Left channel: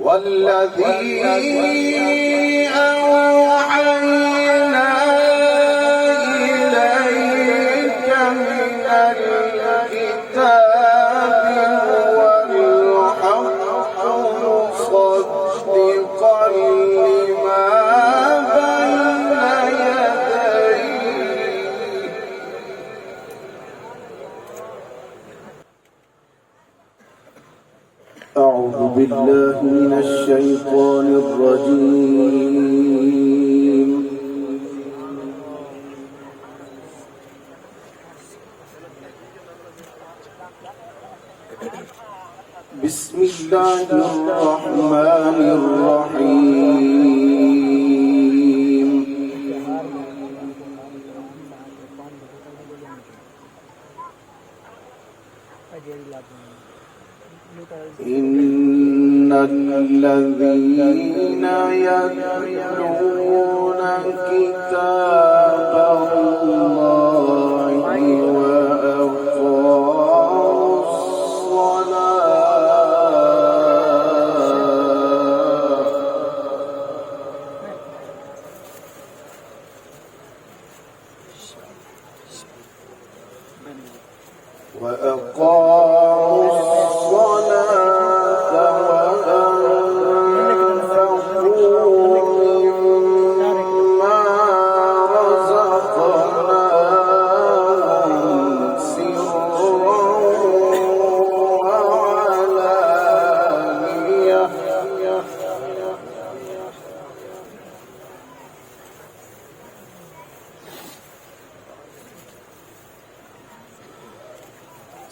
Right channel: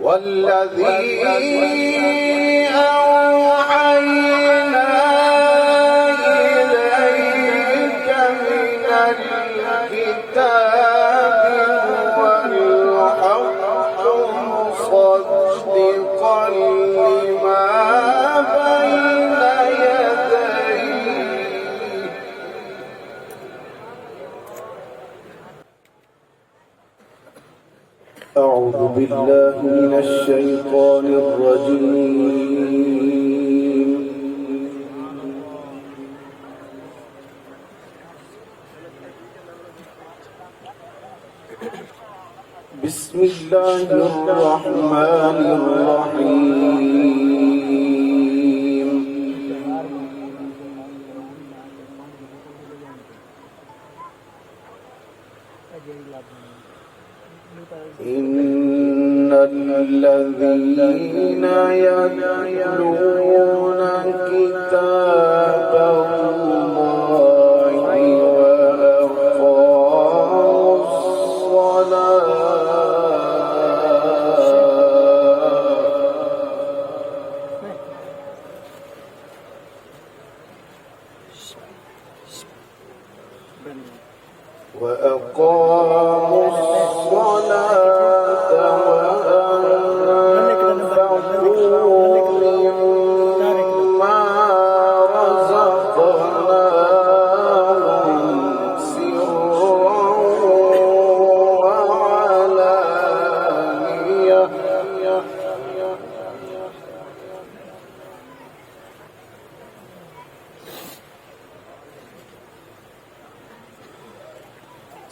والذي أوحينا إليك من الكتاب هو الحق مصدقا لما بين يديه. أعوذ بالله من الشيطان الرجيم. بسم الله الرحمن الرحيم. إن الذين يتلون كتاب الله وأقاموا الصلاة وأنفقوا مما رزقناهم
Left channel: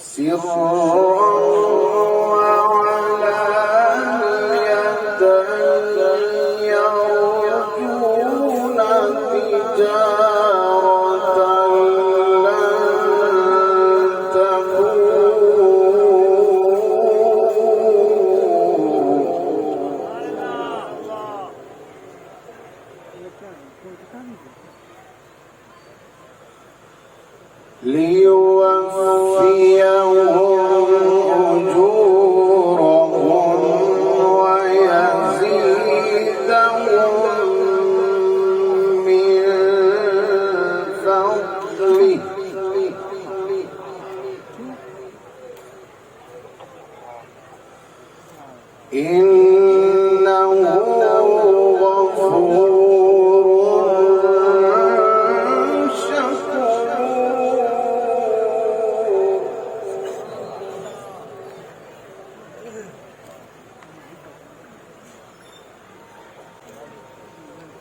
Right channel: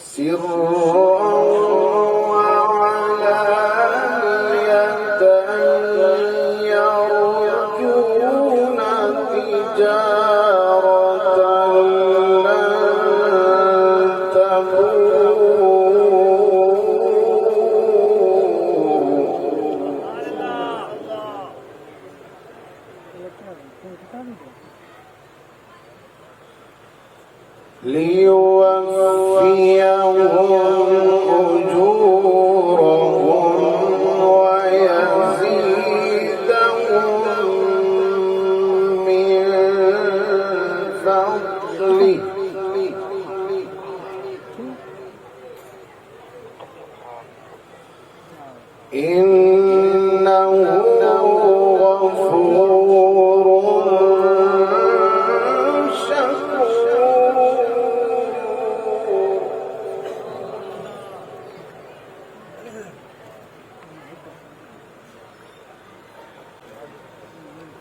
سرا وعلانية يرجون تجارة لن تبور ليوفيهم أجورهم ويزيدهم من فضله إنه غفور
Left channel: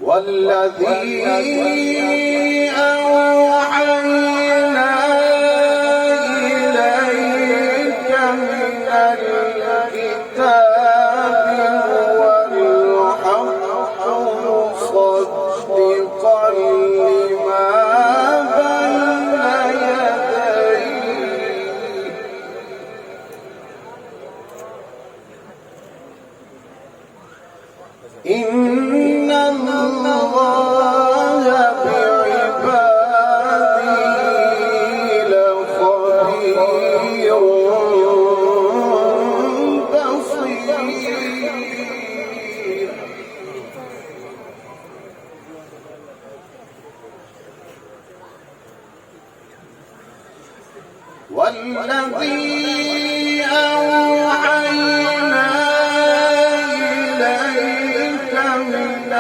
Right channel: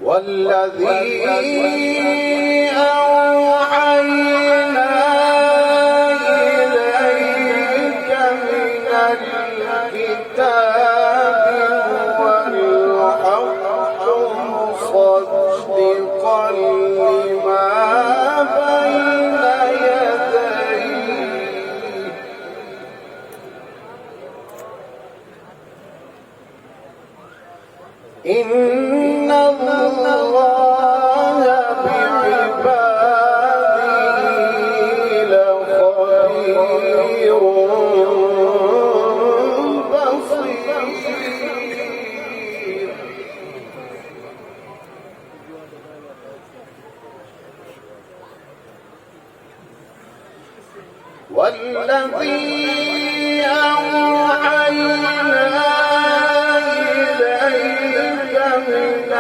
والذي أوحينا إليك من الكتاب هو الحق مصدقا لما بين يديه. إن الله بعباده لخبير بصير. والذي أوحينا إليك من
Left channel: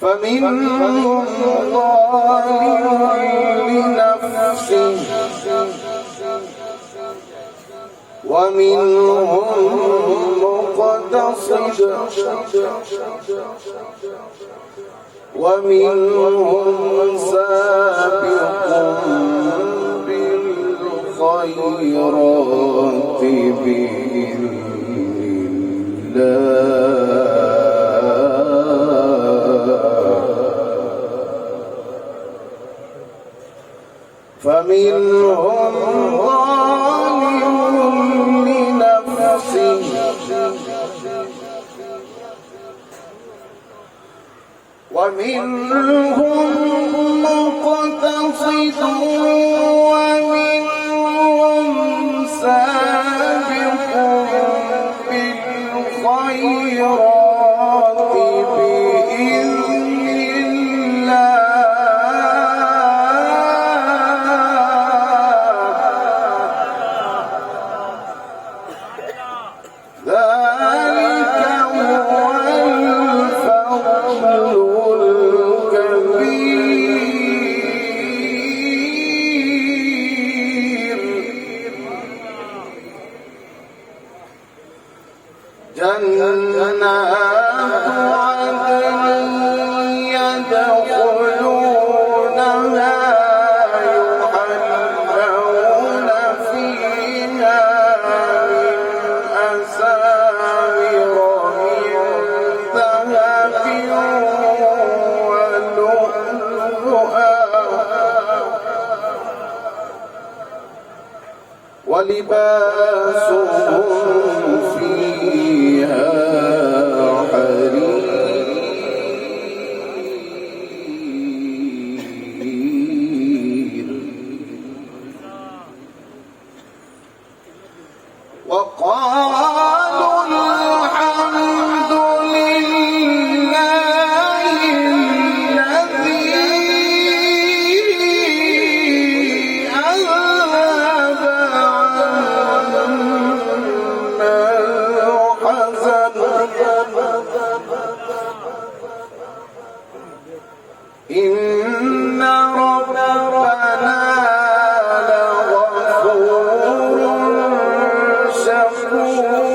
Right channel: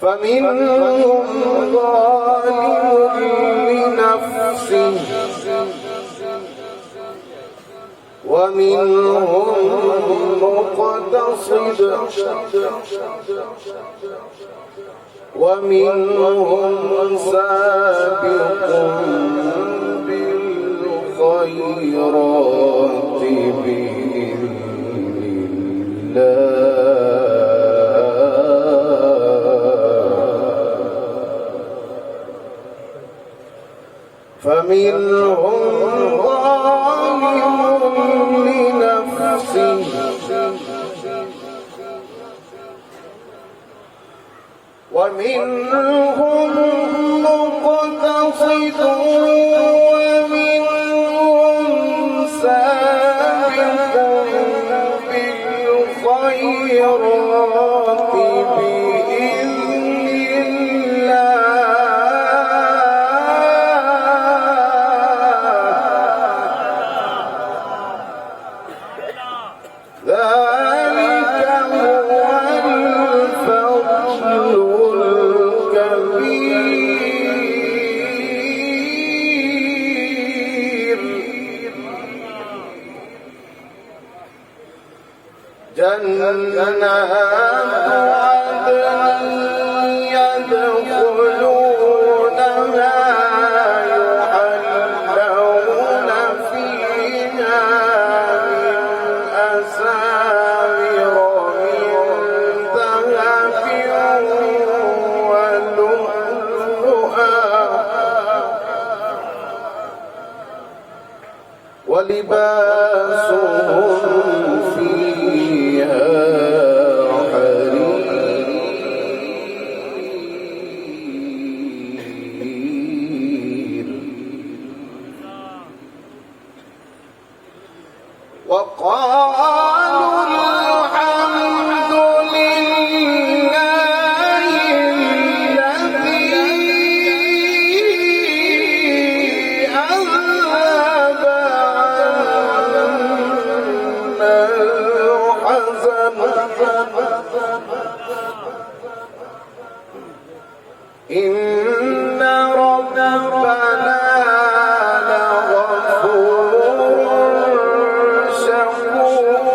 فمنهم ظالم لنفسه ومنهم مقتصد ومنهم سابق بالخيرات بإذن الله فمنهم ظالم لنفسه ومنهم مقتصد ومنهم سابق بالخيرات بإذن الله ذلك هو الفضل الكبير جنات عدن يدخلونها يحلون فيها من أساور من ذهب ولؤلؤا ولباسهم فيها حرير وقالوا الحمد لله الذي أذهب عنا الحزن إن ربنا لغفور شكور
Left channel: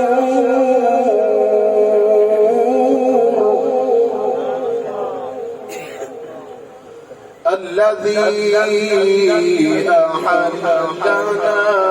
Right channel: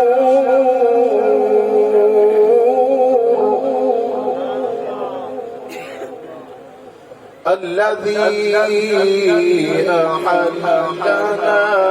الذي أحلنا